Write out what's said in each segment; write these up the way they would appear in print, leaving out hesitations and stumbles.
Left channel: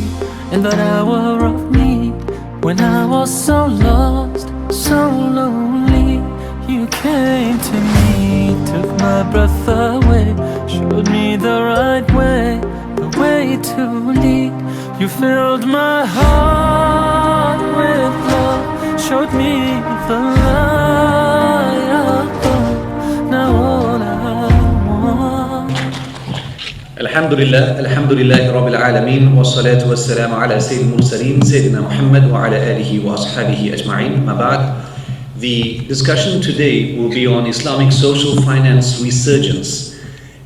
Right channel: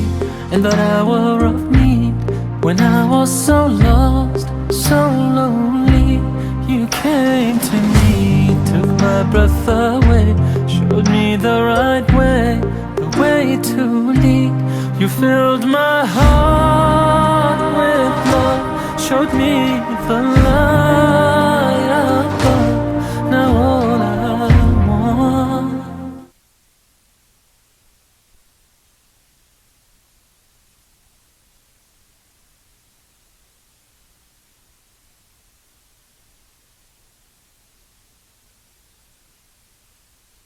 me in that hour of need. When I was so lost, so lonely, you came to me, took my breath away, showed me the right way, the way to lead. You filled my heart with love, showed me the light above. Now all I want. Alhamdulillah Rabbil Alameen, wassalatu wassalamu ala Sayyidil Mursaleen, Sayyidina Muhammad wa ala alihi wa ashabihi ajma'in. Ma ba'd. The discussion today will be on Islamic social finance resurgence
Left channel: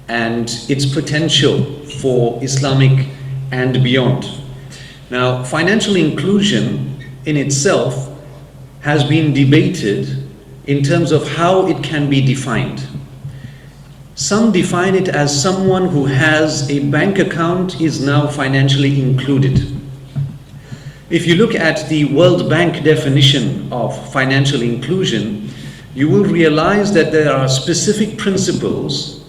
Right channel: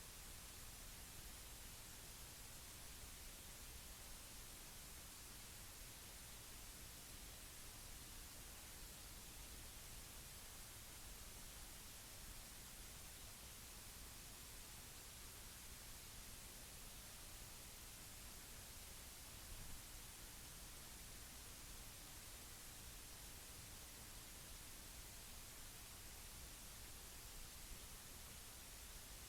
and its potential for Islamic and beyond. Now, financial inclusion in itself has been debated in terms of how it can be defined. Some define it as someone who has a bank account is now financially included. If you look at the World Bank definition of financial inclusion, you will realize that there are specific principles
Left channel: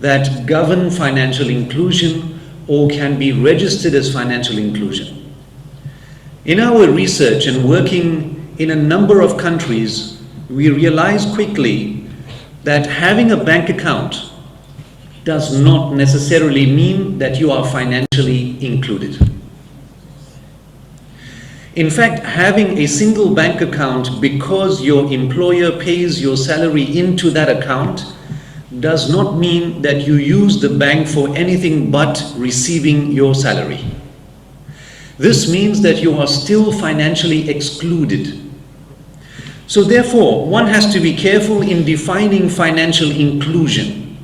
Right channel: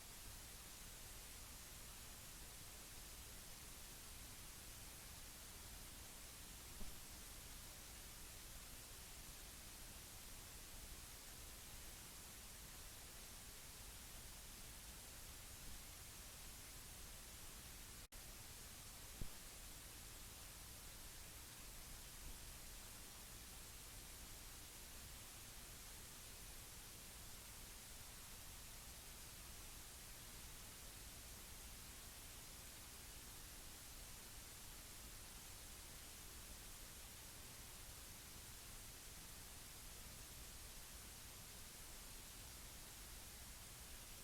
that govern financial inclusion or can be registered as financial inclusion. In our research and working in a number of countries, we realize quickly that having a bank account does not necessarily mean that you are financially included. In fact, having a single bank account because your employer pays your salary into that account does not mean that you use the bank for anything but receiving your salary. This means that you are still financially excluded. So therefore, one has to be careful in defining financial inclusion.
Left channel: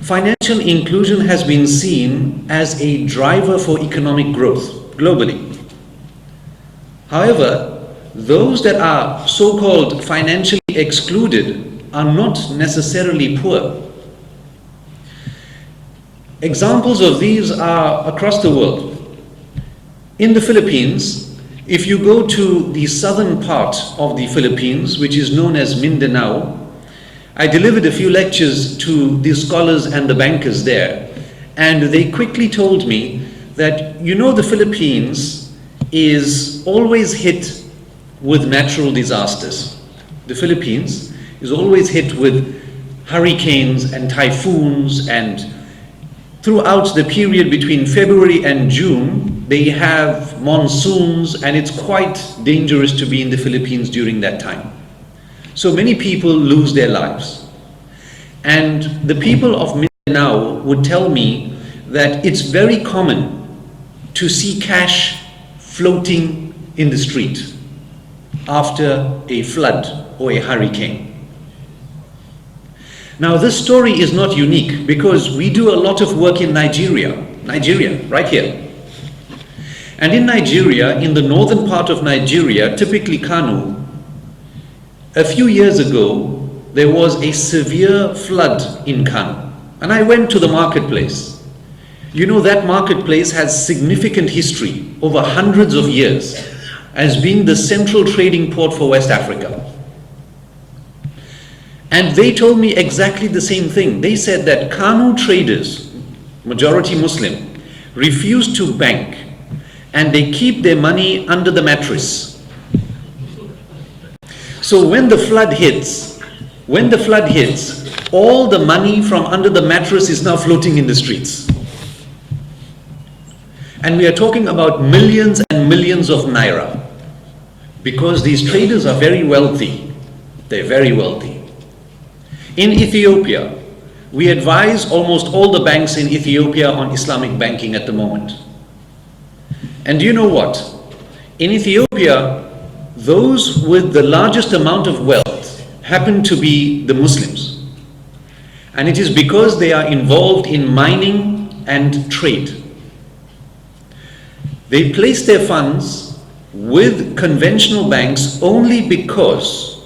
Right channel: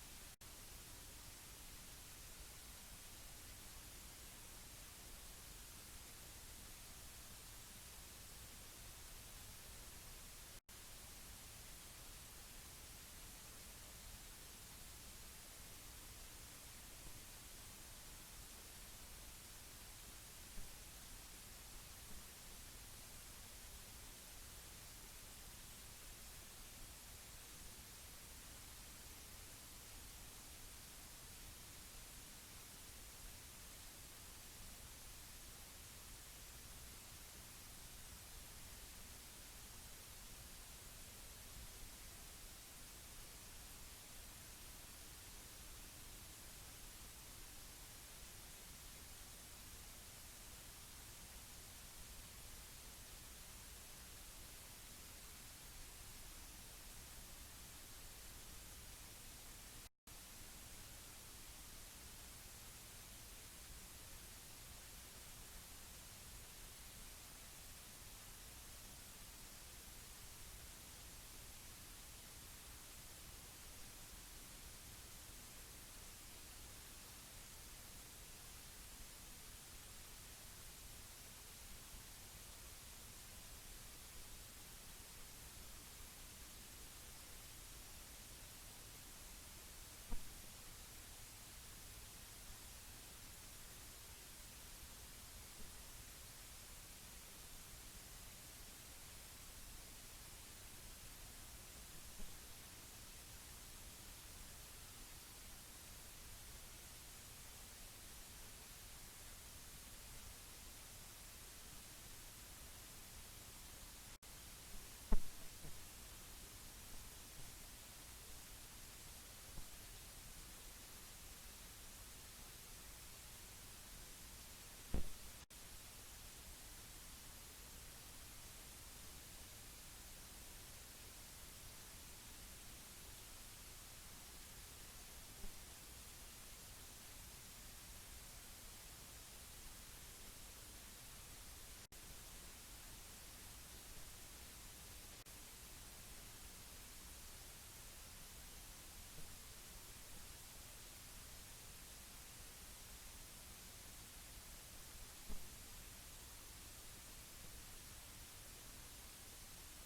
Financial inclusion has been seen as a driver for economic growth globally. However, those that are so-called financially excluded are not necessarily poor. Examples of these are across the world. In the Philippines, if you go to the southern part of the Philippines, which is known as Mindanao, I delivered a few lectures to the scholars and the bankers there, and they quickly told me that, you know, the Philippines is always hit with natural disasters. The Philippines is always hit with hurricanes and typhoons, and throughout the period between February and June, they have monsoons, and it's quite dangerous to be in the Philippines during that time. So many people lose their lives. And the people of Mindanao would tell me that it's very common to see cash floating in the street after a flood or a hurricane. Now, this story is not unique because we do a lot of work in Nigeria, right here. And in Nigeria, in the northern part of Nigeria, typically Kano, a few years ago, there was a severe flood in Kano. And I went to the marketplace. You know, that marketplace has significant history over hundreds of years as being the central trading port for West Africa. And they told me exactly the same thing. They said that Kano traders, majority Muslim, refuse to bank and they keep their money under the mattress. So when the flood hits, all the money from under the mattress is now floating in the streets. And we are talking about millions and millions of naira, because these traders are very wealthy. They're very wealthy. In Ethiopia, we advise almost all the banks in Ethiopia on Islamic banking at the moment. And do you know what? In Ethiopia, those with the largest amount of wealth happen to be the Muslims. And it is because they are involved in mining and trade. They place their funds with conventional banks only because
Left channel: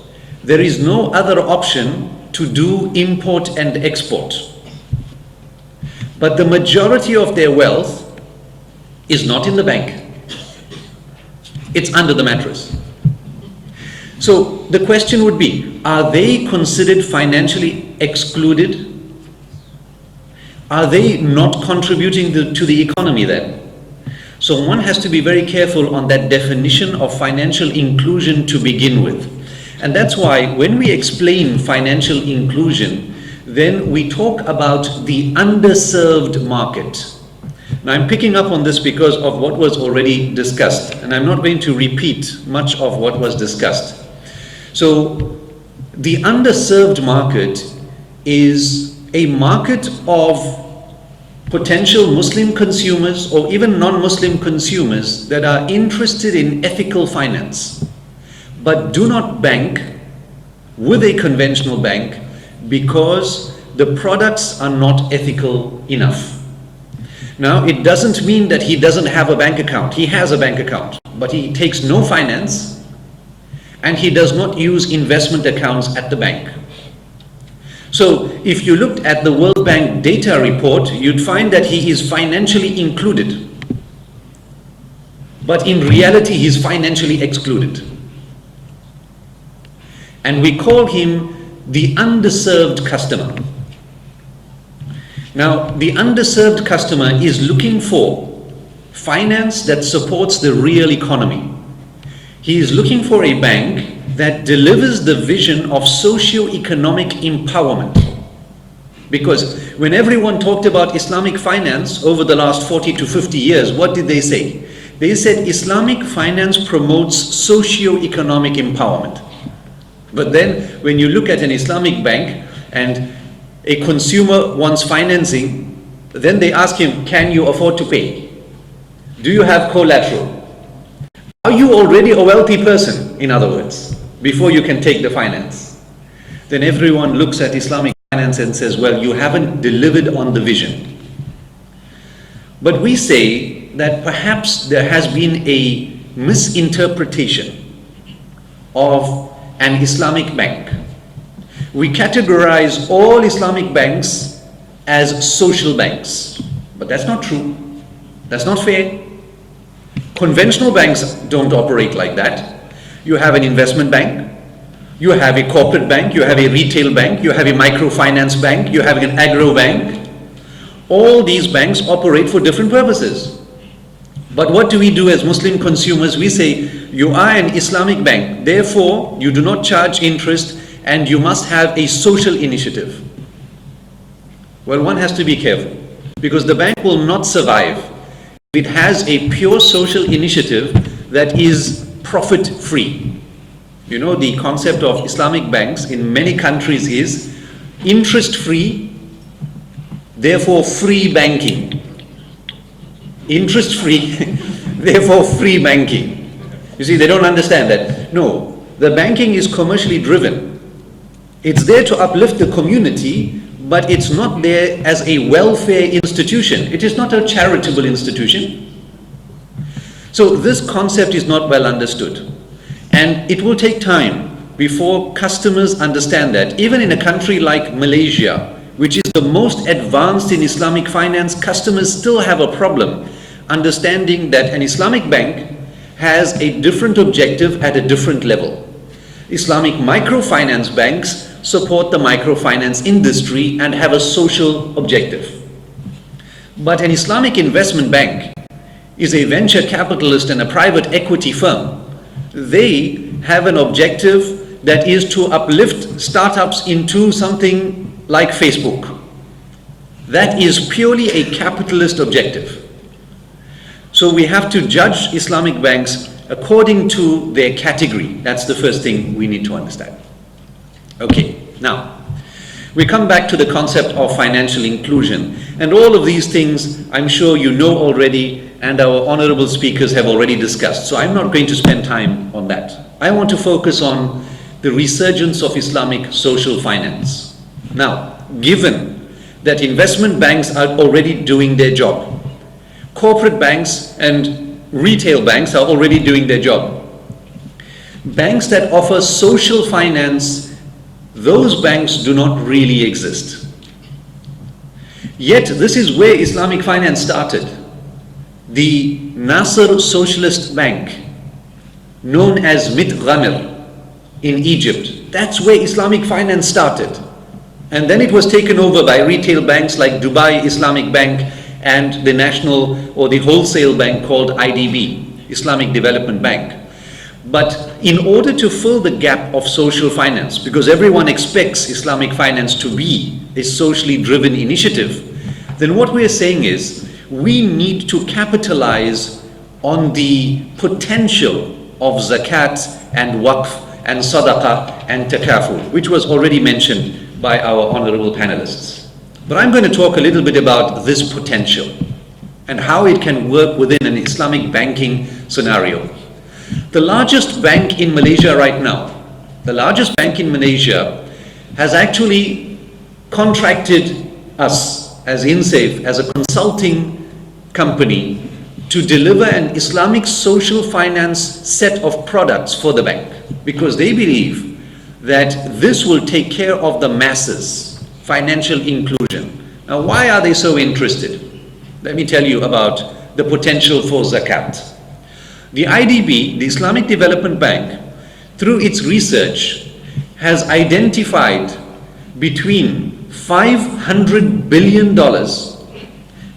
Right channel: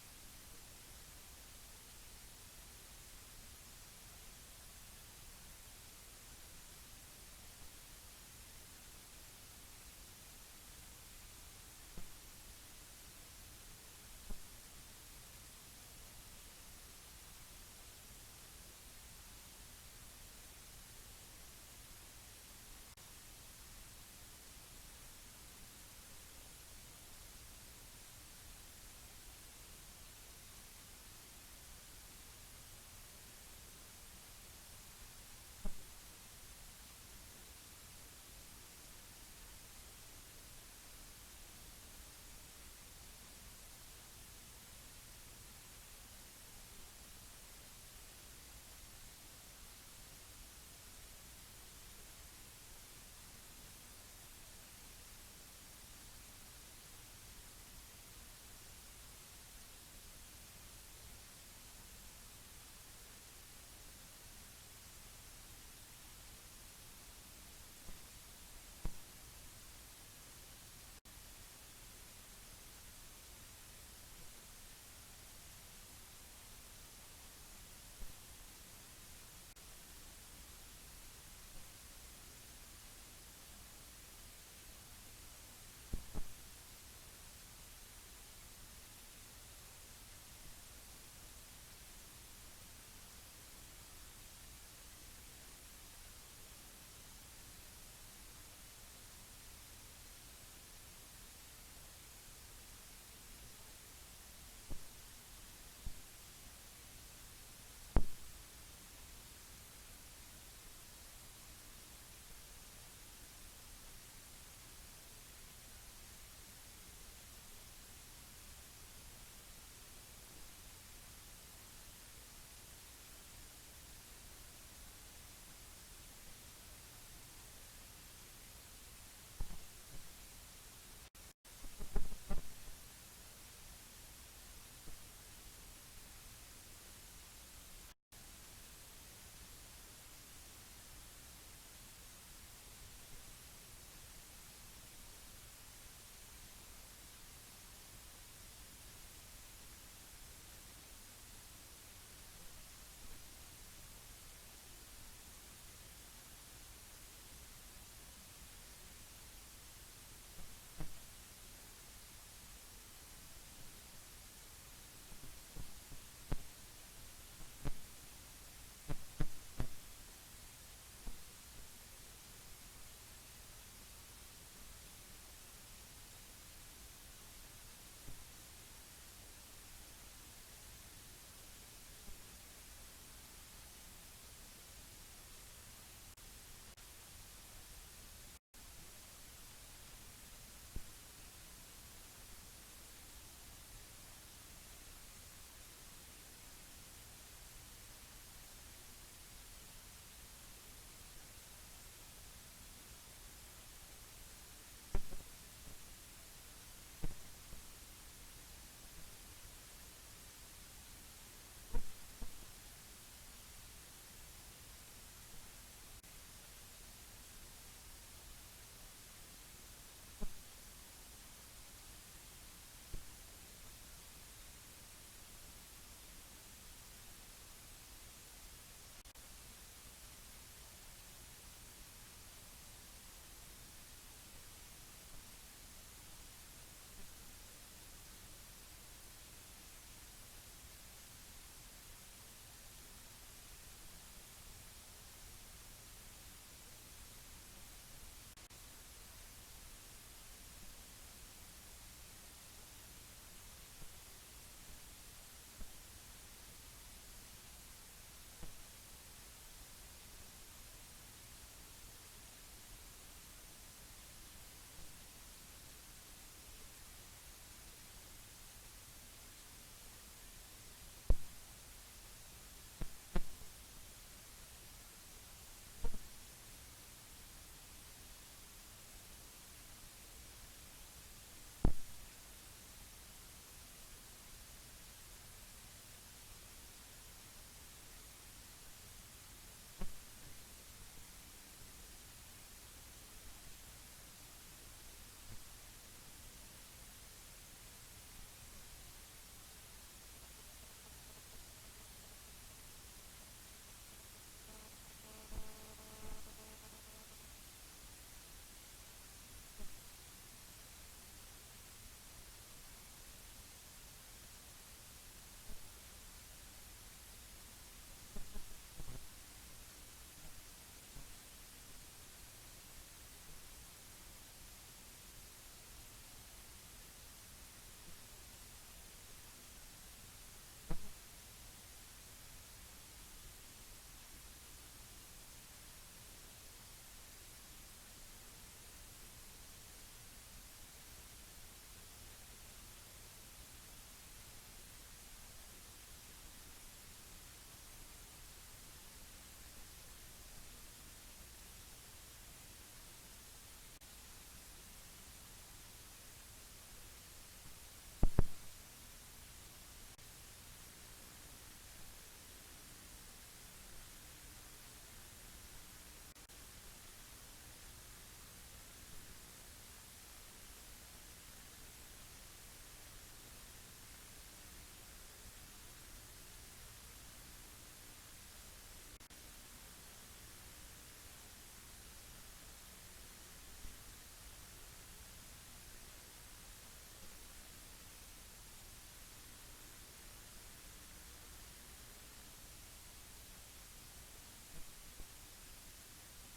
there is no other option to do import and export. But the majority of their wealth is not in the bank. It's under the mattress. So the question would be, are they considered financially excluded? Are they not contributing to the economy then? So one has to be very careful on that definition of financial inclusion to begin with. And that's why when we explain financial inclusion, then we talk about the underserved market. Now I'm picking up on this because of what was already discussed, and I'm not going to repeat much of what was discussed. So the underserved market is a market of potential Muslim consumers or even non-Muslim consumers that are interested in ethical finance, but do not bank with a conventional bank because the products are not ethical enough. Now, it doesn't mean that he doesn't have a bank account. He has a bank account, but he takes no finance and he does not use investment accounts at the bank. So if you looked at the World Bank data report, you'd find that he is financially included, but in reality he's financially excluded. And we call him the underserved customer. Now, the underserved customer is looking for finance that supports the real economy. He is looking for a bank that delivers the vision of socio-economic empowerment. Because when everyone talked about Islamic finance over the last 40 to 50 years, what did they say? They said Islamic finance promotes socio-economic empowerment. But then when you look at an Islamic bank and a consumer wants financing, then they ask him, can you afford to pay? Do you have collateral? Are you already a wealthy person, in other words, before you can take the finance? Then everyone looks at Islamic finance and says, well, you haven't delivered on the vision. But we say that perhaps there has been a misinterpretation of an Islamic bank. We categorize all Islamic banks as social banks, but that's not true. That's not fair. Conventional banks don't operate like that. You have an investment bank, you have a corporate bank, you have a retail bank, you have a microfinance bank, you have an agro bank. All these banks operate for different purposes. But what do we do as Muslim consumers? We say, you are an Islamic bank, therefore you do not charge interest and you must have a social initiative. Well, one has to be careful because the bank will not survive if it has a pure social initiative that is profit-free. You know, the concept of Islamic banks in many countries is interest-free, therefore free banking. Interest-free, therefore free banking. You see, they don't understand that. No, the banking is commercially driven. It's there to uplift the community, but it's not there as a welfare institution. It is not a charitable institution. So this concept is not well understood. And it will take time before customers understand that. Even in a country like Malaysia, which is the most advanced in Islamic finance, customers still have a problem understanding that an Islamic bank has a different objective at a different level. Islamic microfinance banks support the microfinance industry and have a social objective. But an Islamic investment bank is a venture capitalist and a private equity firm. They have an objective that is to uplift startups into something like Facebook. That is purely a capitalist objective. So we have to judge Islamic banks according to their category. That's the first thing we need to understand. Okay, now we come back to the concept of financial inclusion, and all of these things I'm sure you know already and our honorable speakers have already discussed, so I'm not going to spend time on that. I want to focus on the resurgence of Islamic social finance. Now, given that investment banks are already doing their job, corporate banks and retail banks are already doing their job, banks that offer social finance, those banks do not really exist. Yet this is where Islamic finance started. The Nasser Socialist Bank, known as Mit Ghamir in Egypt, that's where Islamic finance started. And then it was taken over by retail banks like Dubai Islamic Bank and the national or the wholesale bank called IDB, Islamic Development Bank. But in order to fill the gap of social finance, because everyone expects Islamic finance to be a socially driven initiative, then what we are saying is we need to capitalize on the potential of zakat and waqf and sadaqah and takaful, which was already mentioned by our honorable panelists. But I'm going to talk a little bit about this potential and how it can work within an Islamic banking scenario. The largest bank in Malaysia right now, the largest bank in Malaysia has actually contracted us as INCEIF, as a consulting company, to deliver an Islamic social finance set of products for the bank, because they believe that this will take care of the masses, financial inclusion. Now, why are they so interested? Let me tell you about the potential for zakat. The IDB, the Islamic Development Bank, through its research, has identified between $500 billion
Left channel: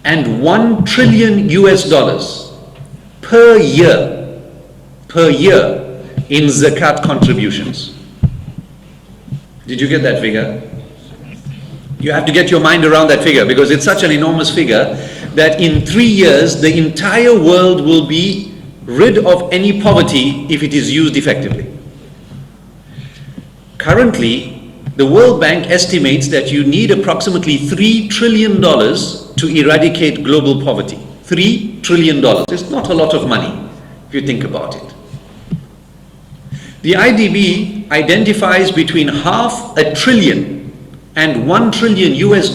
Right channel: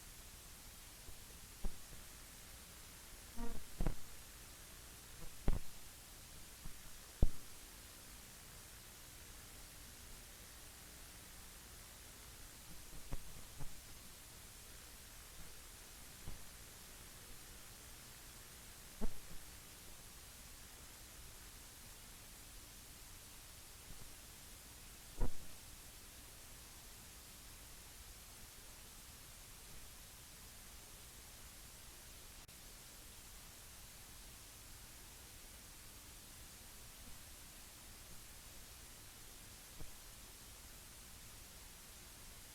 and $1 trillion US per year in zakat contributions. Did you get that figure? You have to get your mind around that figure, because it's such an enormous figure that in 3 years the entire world will be rid of any poverty if it is used effectively. Currently, the World Bank estimates that you need approximately $3 trillion to eradicate global poverty. $3 trillion. It's not a lot of money if you think about it. The IDB identifies between $500 billion and $1 trillion US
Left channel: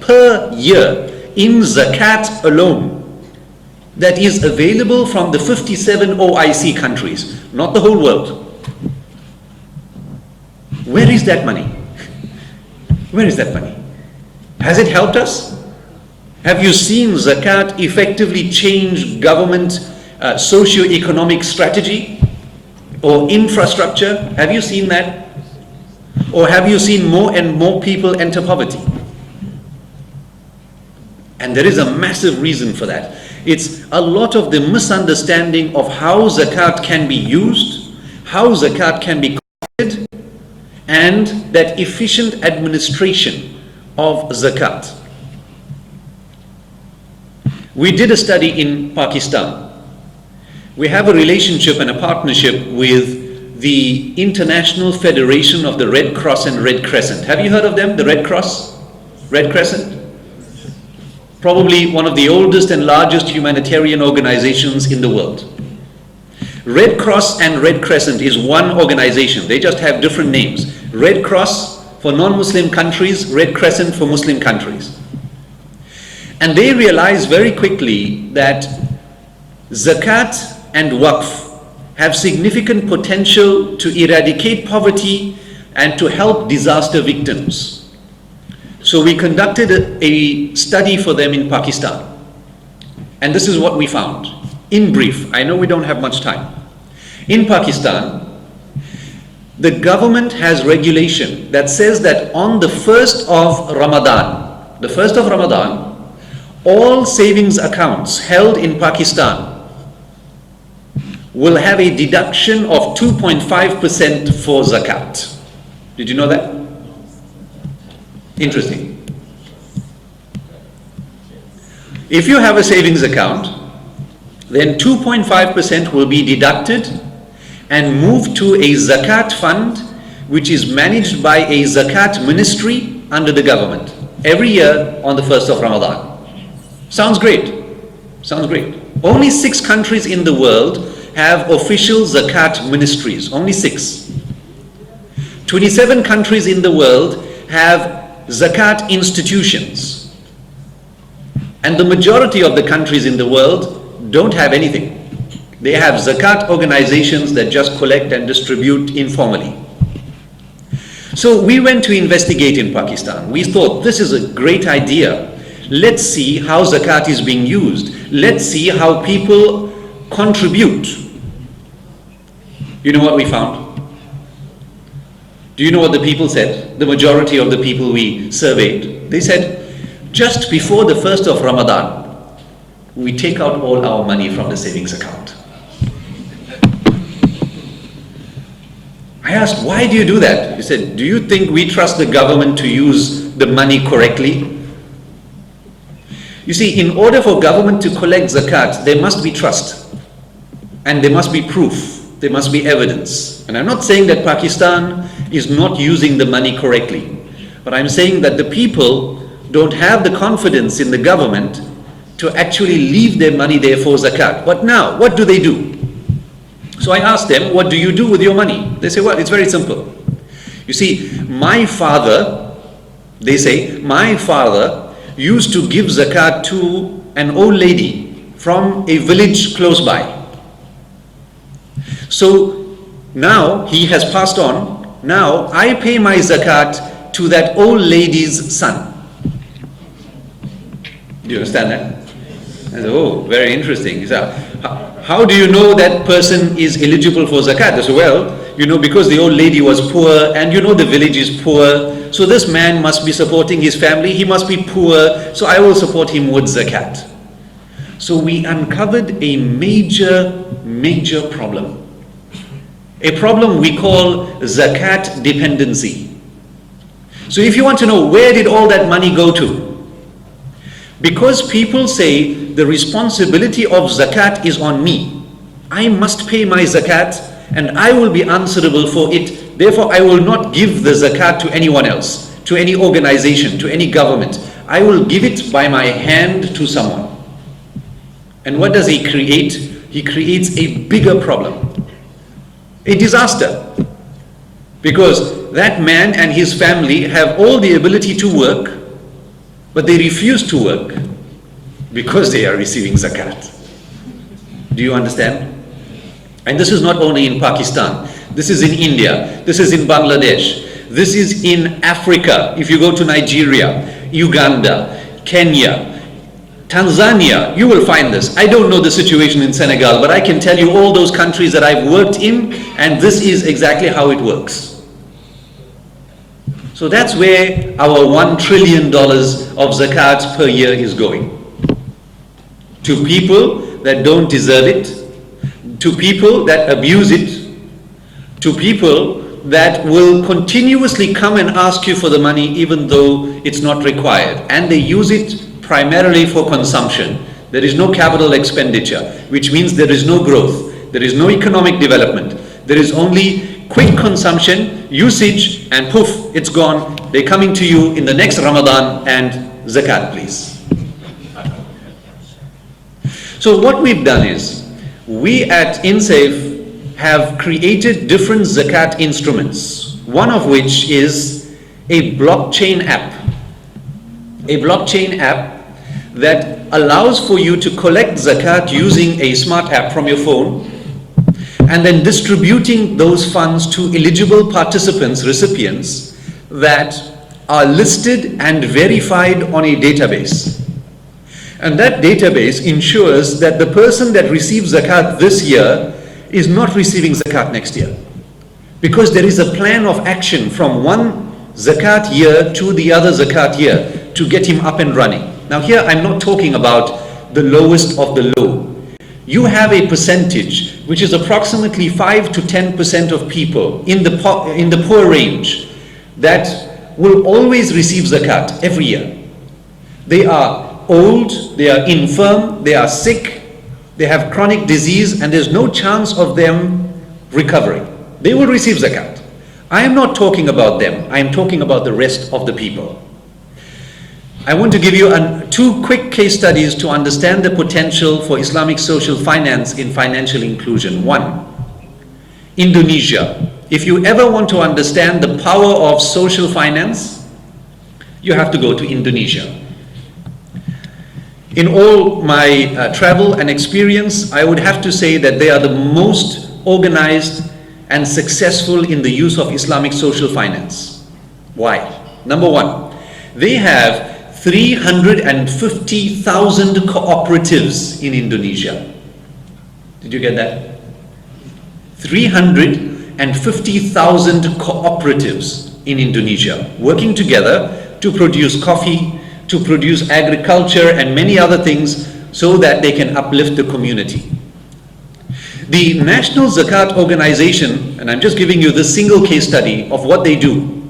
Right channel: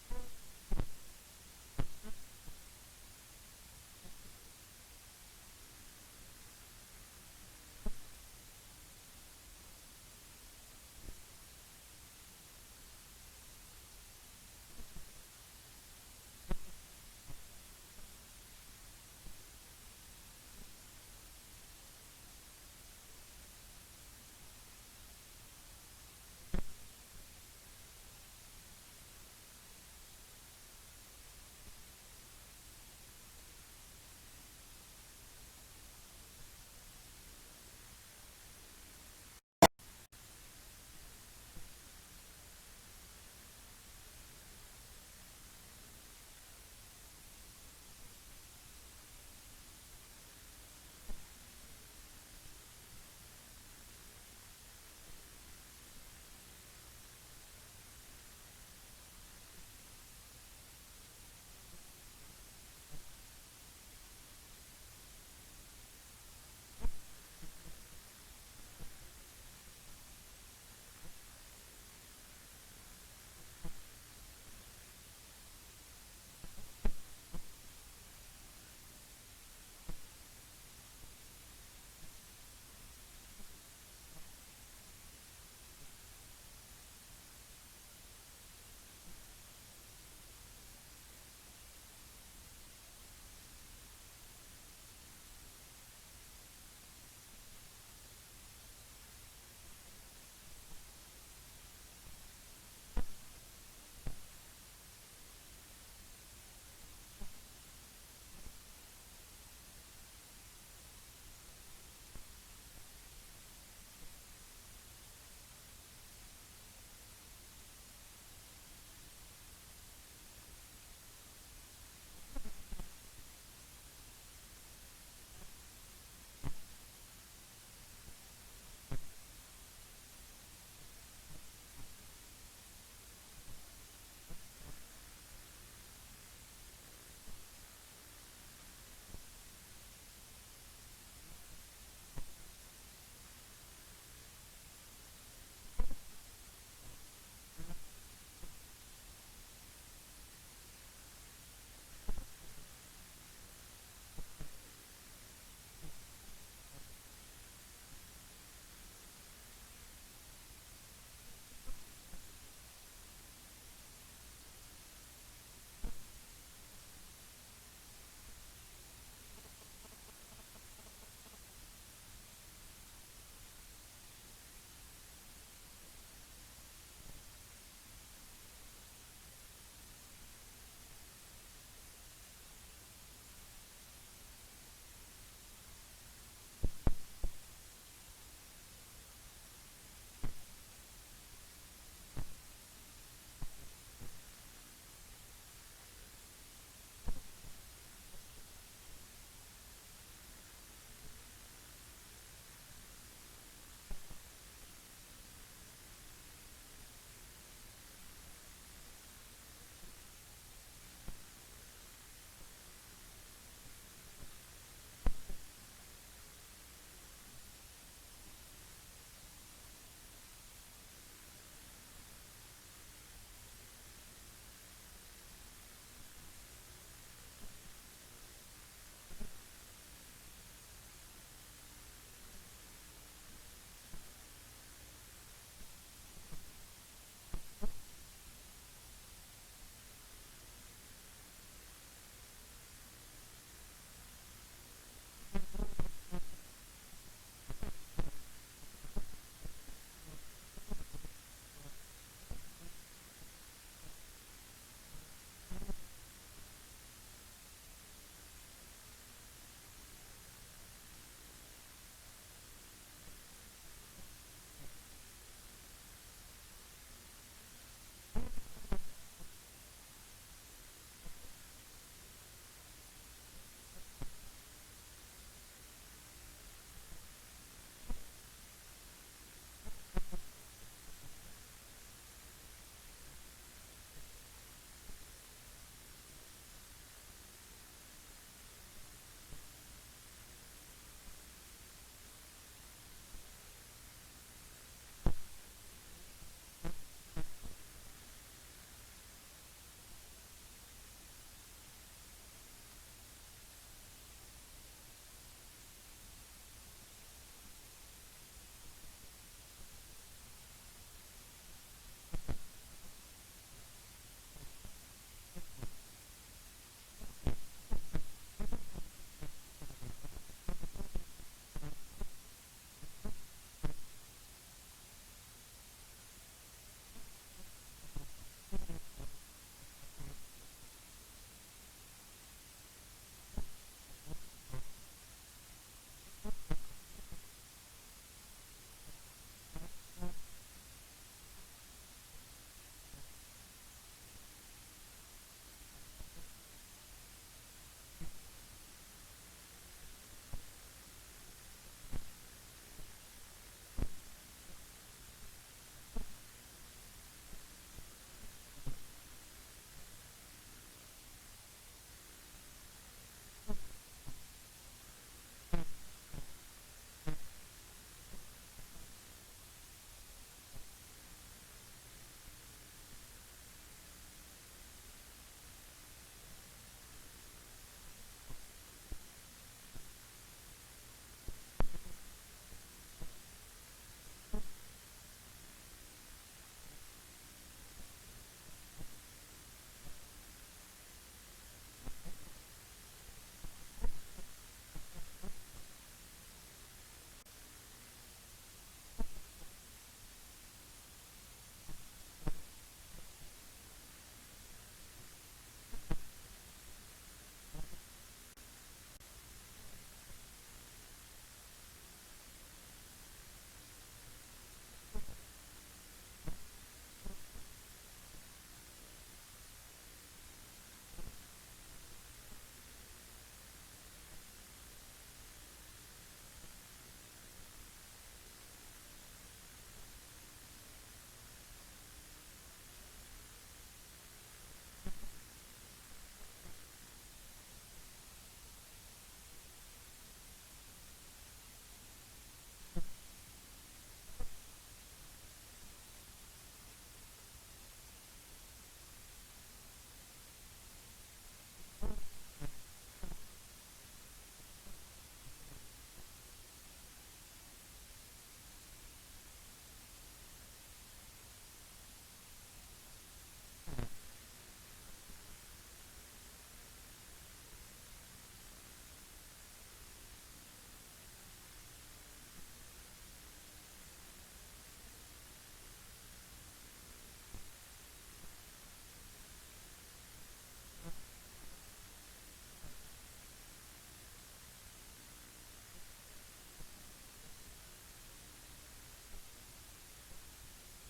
per year in zakat alone that is available from the 57 OIC countries, not the whole world. Where is that money? Where is that money? Has it helped us? Have you seen zakat effectively change government socio-economic strategy or infrastructure? Have you seen that? Or have you seen more and more people enter poverty? And there is a massive reason for that. It's a lot of the misunderstanding of how zakat can be used, how zakat can be collected, and that efficient administration of zakat. We did a study in Pakistan. We have a relationship and a partnership with the International Federation of the Red Cross and Red Crescent. Have you heard of them, the Red Cross, Red Crescent? Probably one of the oldest and largest humanitarian organizations in the world. Red Cross and Red Crescent is one organization. They just have different names. Red Cross for non-Muslim countries, Red Crescent for Muslim countries. And they realized very quickly that zakat and waqf have significant potential to eradicate poverty and to help disaster victims. So we conducted a study for them in Pakistan. And this is what we found. In brief, I know we don't have much time. In Pakistan, the government has regulation that says that on the 1st of Ramadan, all savings accounts held in Pakistan will have a deduction of 2.5% for zakat. Did you know that? Interesting. If you have a savings account, then 2.5% will be deducted and moved to a zakat fund, which is managed by a zakat ministry under the government every year on the 1st of Ramadan. Sounds great. Sounds great. Only 6 countries in the world have official zakat ministries. Only 6. 27 countries in the world have zakat institutions. And the majority of the countries in the world don't have anything. They have zakat organizations that just collect and distribute informally. So we went to investigate in Pakistan. We thought, this is a great idea. Let's see how zakat is being used. Let's see how people contribute. You know what we found? Do you know what the people said? The majority of the people we surveyed. They said, just before the first of Ramadan, we take out all our money from the savings account. I asked, why do you do that? He said, do you think we trust the government to use the money correctly? You see, in order for government to collect zakat, there must be trust. And there must be proof. There must be evidence. And I'm not saying that Pakistan is not using the money correctly. But I'm saying that the people don't have the confidence in the government to actually leave their money there for zakat. But now, what do they do? So I asked them, what do you do with your money? They say, well, it's very simple. You see, my father, they say, my father used to give zakat to an old lady from a village close by. So now he has passed on. Now I pay my zakat to that old lady's son. Do you understand that? I said, oh, very interesting. He said, how do you know that person is eligible for zakat? I said, well, you know, because the old lady was poor and you know the village is poor. So this man must be supporting his family. He must be poor. So I will support him with zakat. So we uncovered a major problem. A problem we call zakat dependency. So if you want to know where did all that money go to? Because people say the responsibility of zakat is on me. I must pay my zakat and I will be answerable for it. Therefore, I will not give the zakat to anyone else, to any organization, to any government. I will give it by my hand to someone. And what does he create? He creates a bigger problem, a disaster. Because that man and his family have all the ability to work, but they refuse to work because they are receiving zakat. Do you understand? And this is not only in Pakistan. This is in India. This is in Bangladesh. This is in Africa. If you go to Nigeria, Uganda, Kenya, Tanzania, you will find this. I don't know the situation in Senegal, but I can tell you all those countries that I've worked in, and this is exactly how it works. So that's where our $1 trillion of zakat per year is going. To people that don't deserve it, to people that abuse it, to people that will continuously come and ask you for the money even though it's not required. And they use it primarily for consumption. There is no capital expenditure, which means there is no growth. There is no economic development. There is only quick consumption, usage, and poof, it's gone. They're coming to you in the next Ramadan and zakat, please. So what we've done is, we at INCEIF have created different zakat instruments, one of which is a blockchain app. A blockchain app that allows for you to collect zakat using a smart app from your phone, and then distributing those funds to eligible participants, recipients, that are listed and verified on a database. And that database ensures that the person that receives zakat this year is not receiving zakat next year. Because there is a plan of action from one zakat year to the other zakat year to get him up and running. Now here I'm not talking about the lowest of the low. You have a percentage which is approximately 5 to 10% of people in the poor range that will always receive zakat every year. They are old, they are infirm, they are sick, they have chronic disease, and there's no chance of them recovering. They will receive zakat. I am not talking about them. I am talking about the rest of the people. I want to give you two quick case studies to understand the potential for Islamic social finance in financial inclusion. One, Indonesia. If you ever want to understand the power of social finance, you have to go to Indonesia. In all my travel and experience, I would have to say that they are the most organized and successful in the use of Islamic social finance. Why? Number one, they have 350,000 cooperatives in Indonesia. Did you get that? 350,000 cooperatives in Indonesia working together to produce coffee, to produce agriculture and many other things so that they can uplift the community. The National Zakat Organization, and I'm just giving you this single case study of what they do.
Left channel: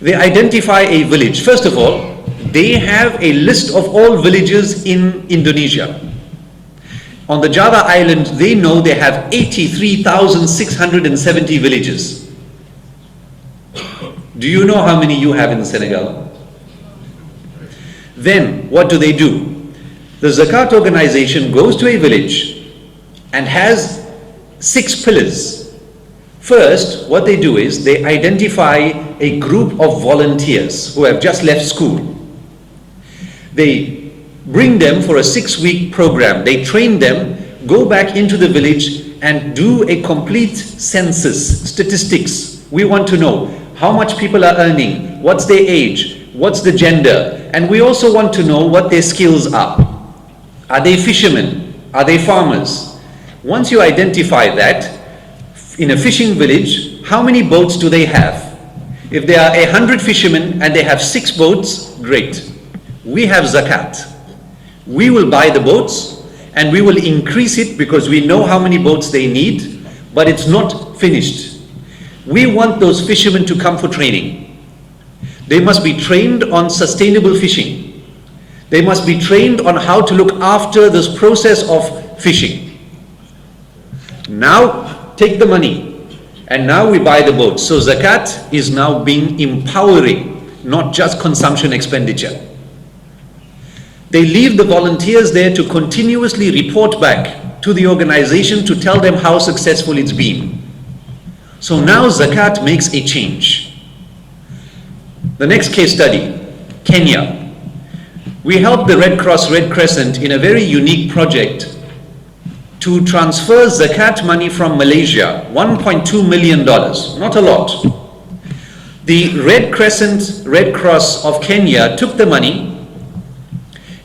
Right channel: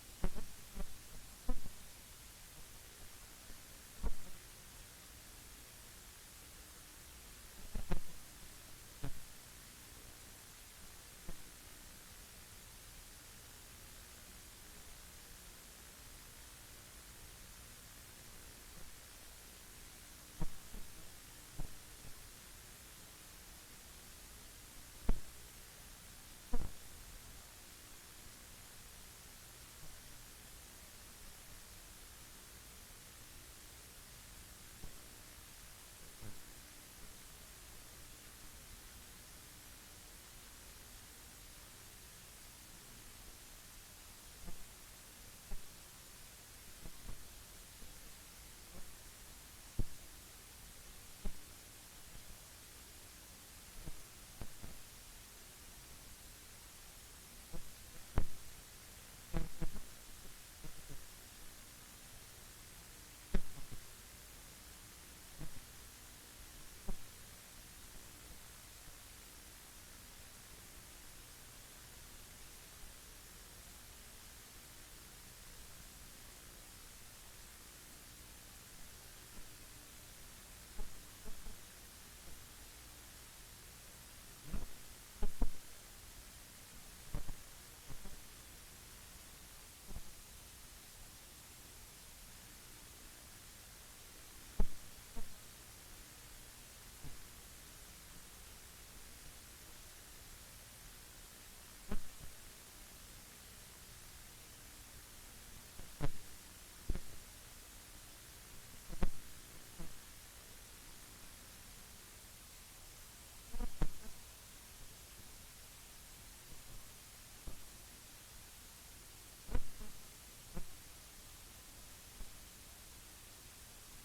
They identify a village. First of all, they have a list of all villages in Indonesia. On the Java island, they know they have 83,670 villages. Do you know how many you have in Senegal? Then, what do? The Zakat organization goes to a village and has 6 pillars. First, what they do is they identify a group of volunteers who have just left school. They bring them for a 6-week program. They train them, go back into the village and do a complete census, statistics. We want to know how much people are earning, what's their age, what's the gender, and we also want to know what their skills are. Are they fishermen? Are they farmers? Once you identify that, in a fishing village, how many boats do they have? If there are 100 fishermen and they have 6 boats, great. We have zakat. We will buy the boats and we will increase it because we know how many boats they need, but it's not finished. We want those fishermen to come for training. They must be trained on sustainable fishing. They must be trained on how to look after this process of fishing. Now take the money and now we buy the boats. So zakat is now being empowering, not just consumption expenditure. They leave the volunteers there to continuously report back to the organization to tell them how successful it's been. So now zakat makes a change. The next case study, Kenya. We helped the Red Cross, Red Crescent in a very unique project to transfer zakat money from Malaysia, $1.2 million, not a lot. The Red Crescent, Red Cross of Kenya took the money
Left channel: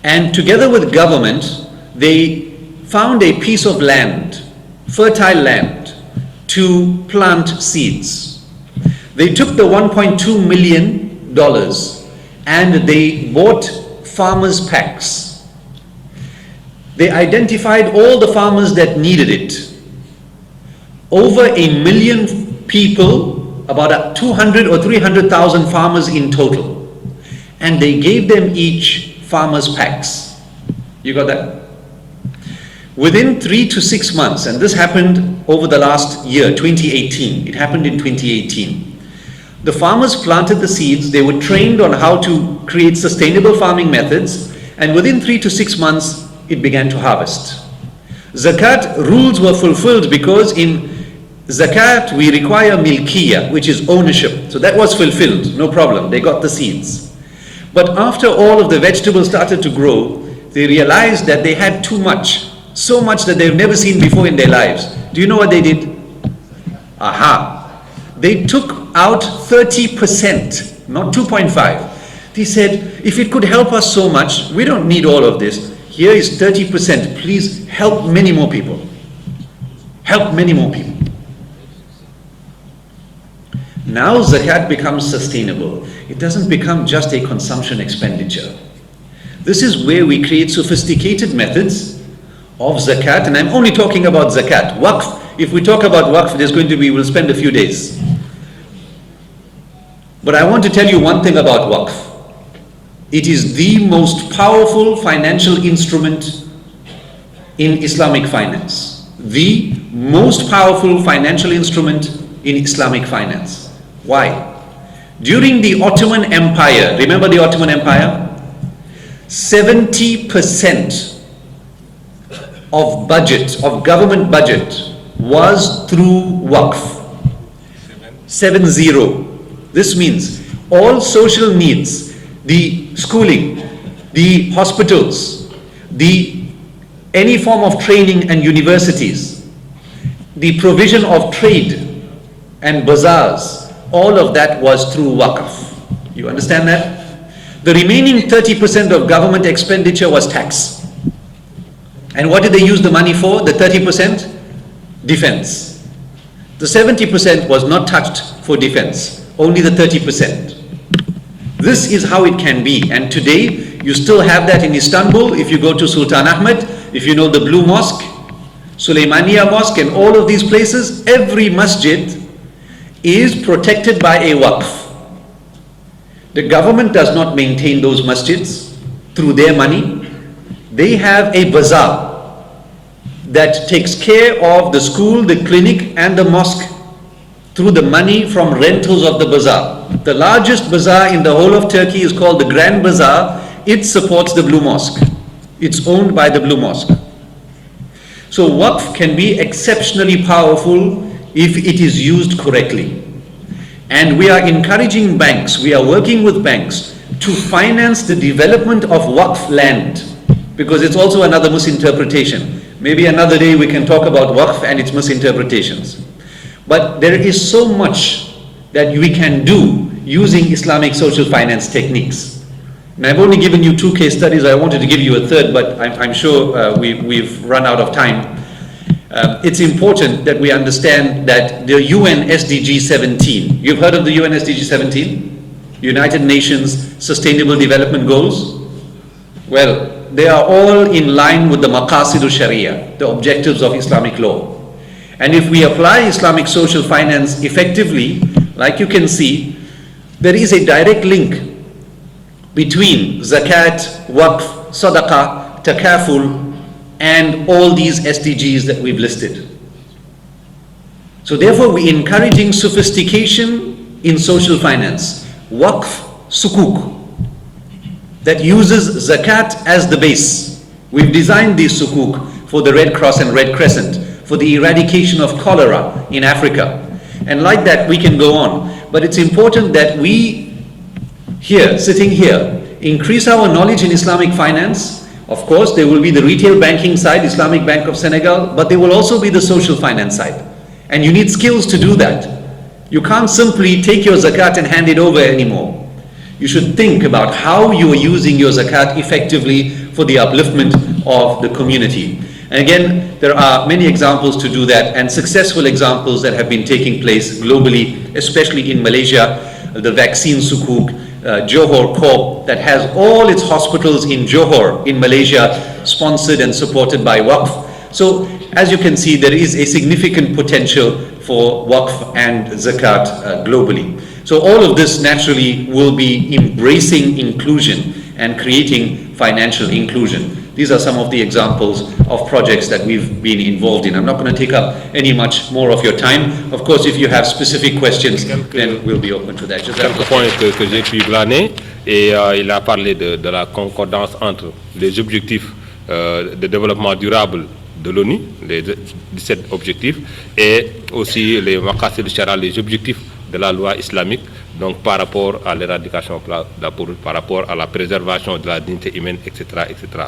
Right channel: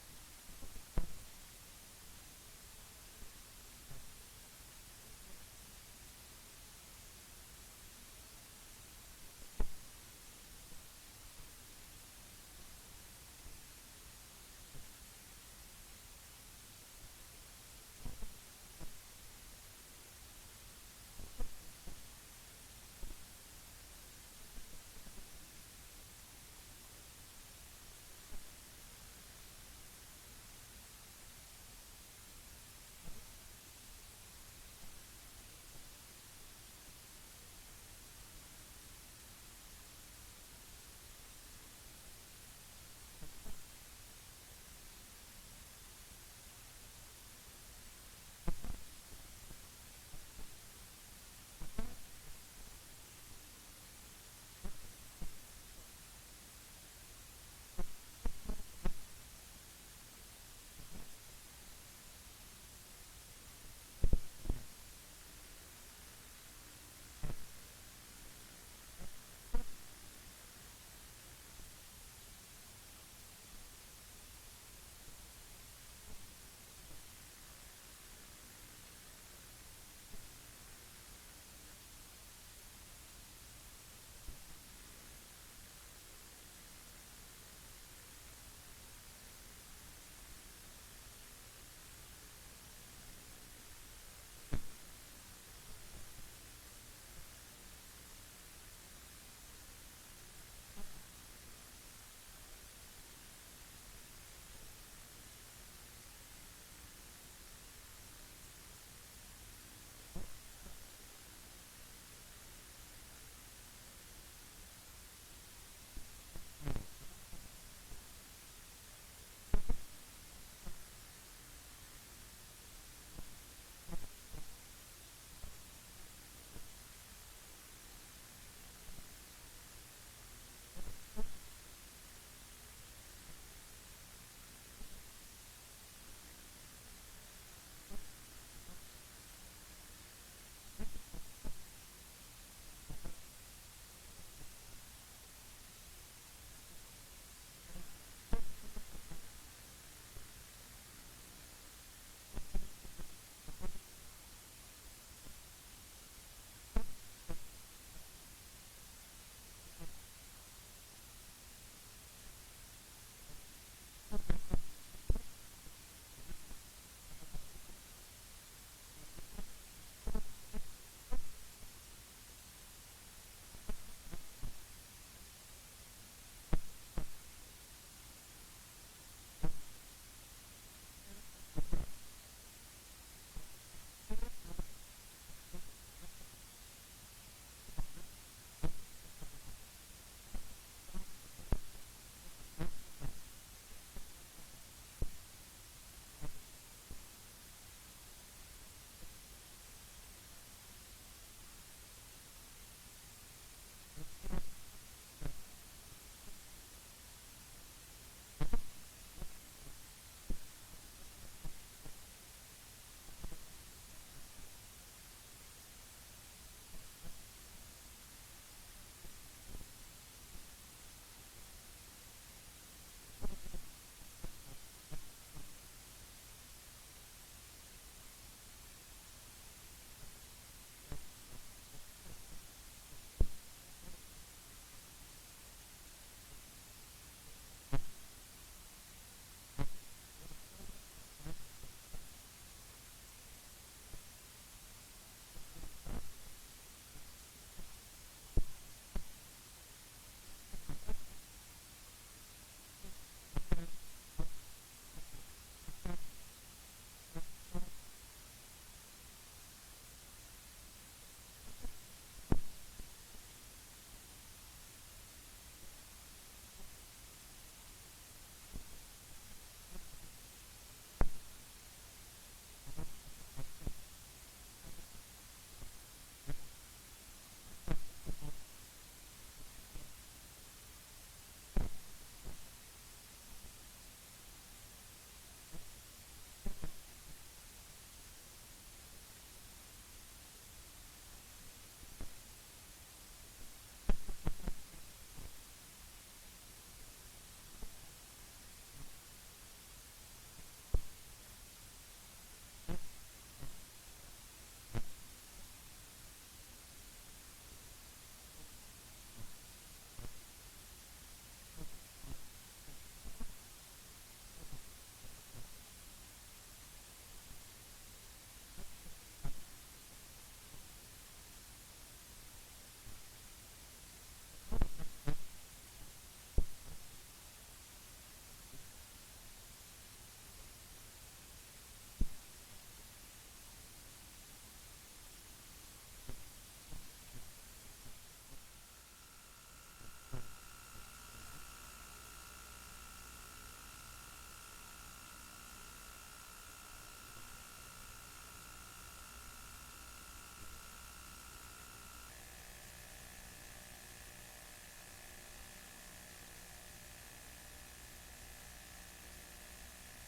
and together with government, they found a piece of land, fertile land, to plant seeds. They took the $1.2 million and they bought farmers' packs. They identified all the farmers that needed it. Over 1 million people, about 200 or 300,000 farmers in total. And they gave them each farmers' packs. You got that? Within 3 to 6 months, and this happened over the last year, 2018. It happened in 2018. The farmers planted the seeds, they were trained on how to create sustainable farming methods, and within 3 to 6 months, it began to harvest. Zakat rules were fulfilled because in Zakat we require milkiya, which is ownership. So that was fulfilled, no problem, they got the seeds. But after all of the vegetables started to grow, they realized that they had too much, so much that they've never seen before in their lives. Do you know what they did? Aha! They took out 30%, not 2.5. They said, if it could help us so much, we don't need all of this. Here is 30%. Please help many more people. Help many more people. Now zakat becomes sustainable. It doesn't become just a consumption expenditure. This is where we create sophisticated methods of zakat, and I'm only talking about zakat. Waqf, if we talk about waqf, we'll spend a few days. But I want to tell you one thing about waqf. It is the most powerful financial instrument in Islamic finance. The most powerful financial instrument in Islamic finance. Why? During the Ottoman Empire, remember the Ottoman Empire? 70% of budget, of government budget, was through waqf. 70. This means all social needs, the schooling, the hospitals, any form of training and universities, the provision of trade and bazaars, all of that was through waqf. You understand that? The remaining 30% of government expenditure was tax. And what did they use the money for, the 30%? Defense. The 70% was not touched for defense, only the 30%. This is how it can be. And today, you still have that in Istanbul. If you go to Sultan Ahmed, if you know the Blue Mosque, Suleymaniya Mosque, and all of these places, every masjid is protected by a waqf. The government does not maintain those masjids through their money. They have a bazaar that takes care of the school, the clinic, and the mosque through the money from rentals of the bazaar. The largest bazaar in the whole of Turkey is called the Grand Bazaar. It supports the Blue Mosque. It's owned by the Blue Mosque. So waqf can be exceptionally powerful if it is used correctly. And we are encouraging banks, we are working with banks to finance the development of waqf land, because it's also another misinterpretation. Maybe another day we can talk about waqf and its misinterpretations. But there is so much that we can do using Islamic social finance techniques. And I've only given you 2 case studies. I wanted to give you a third, but I'm sure we've run out of time. It's important that we understand that the UN SDG 17, you've heard of the UN SDG 17? United Nations Sustainable Development Goals? Well, they are all in line with the Maqasid Sharia, the objectives of Islamic law. And if we apply Islamic social finance effectively, like you can see, there is a direct link between zakat, waqf, sadaqah, takaful, and all these SDGs that we've listed. So therefore, we're encouraging sophistication in social finance. Waqf sukuk, that uses zakat as the base. We've designed these sukuk for the Red Cross and Red Crescent, for the eradication of cholera in Africa. And like that, we can go on. But it's important that we here, sitting here, increase our knowledge in Islamic finance. Of course, there will be the retail banking side, Islamic Bank of Senegal, but there will also be the social finance side. And you need skills to do that. You can't simply take your zakat and hand it over anymore. You should think about how you are using your zakat effectively for the upliftment of the community. And again, there are many examples to do that, and successful examples that have been taking place globally, especially in Malaysia, the vaccine sukuk, Johor Corp, that has all its hospitals in Johor in Malaysia, sponsored and supported by Waqf. So as you can see, there is a significant potential for Waqf and Zakat globally. So all of this naturally will be embracing inclusion and creating financial inclusion. These are some of the examples of projects that we've been involved in. I'm not going to take up any much more of your time. Of course, if you have specific questions, then we'll be open to that. Quelques points que j'ai pu glaner, et il a parlé de la concordance entre les objectifs de développement durable de l'ONU, les 17 objectifs, et aussi les maqasid al-shara, les objectifs de la loi islamique, donc par rapport à l'éradication, par rapport à la préservation de la dignité humaine, etc., etc.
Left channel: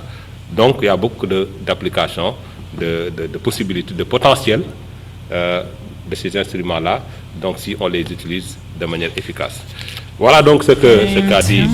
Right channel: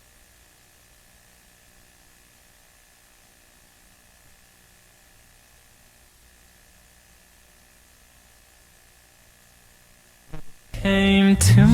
Donc il y a beaucoup d'applications, de possibilités, de potentiel de ces instruments-là, donc si on les utilise de manière efficace. Voilà donc ce qu'a dit Dr. ZIYAAD.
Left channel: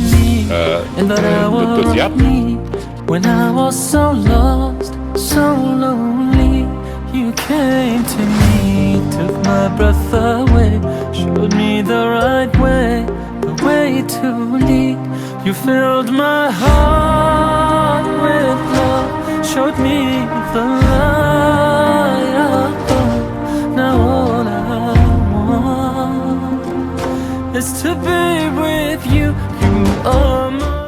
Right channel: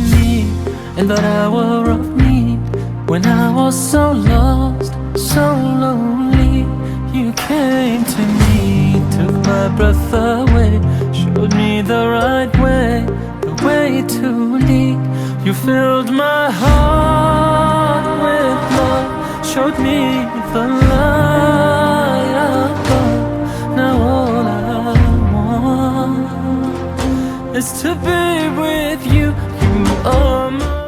When I was so lost, so lonely, you came to me, took my breath away, showed me the right way, the way to lead. You filled my heart with love, showed me the light above. Now all I want is to be with you. You are my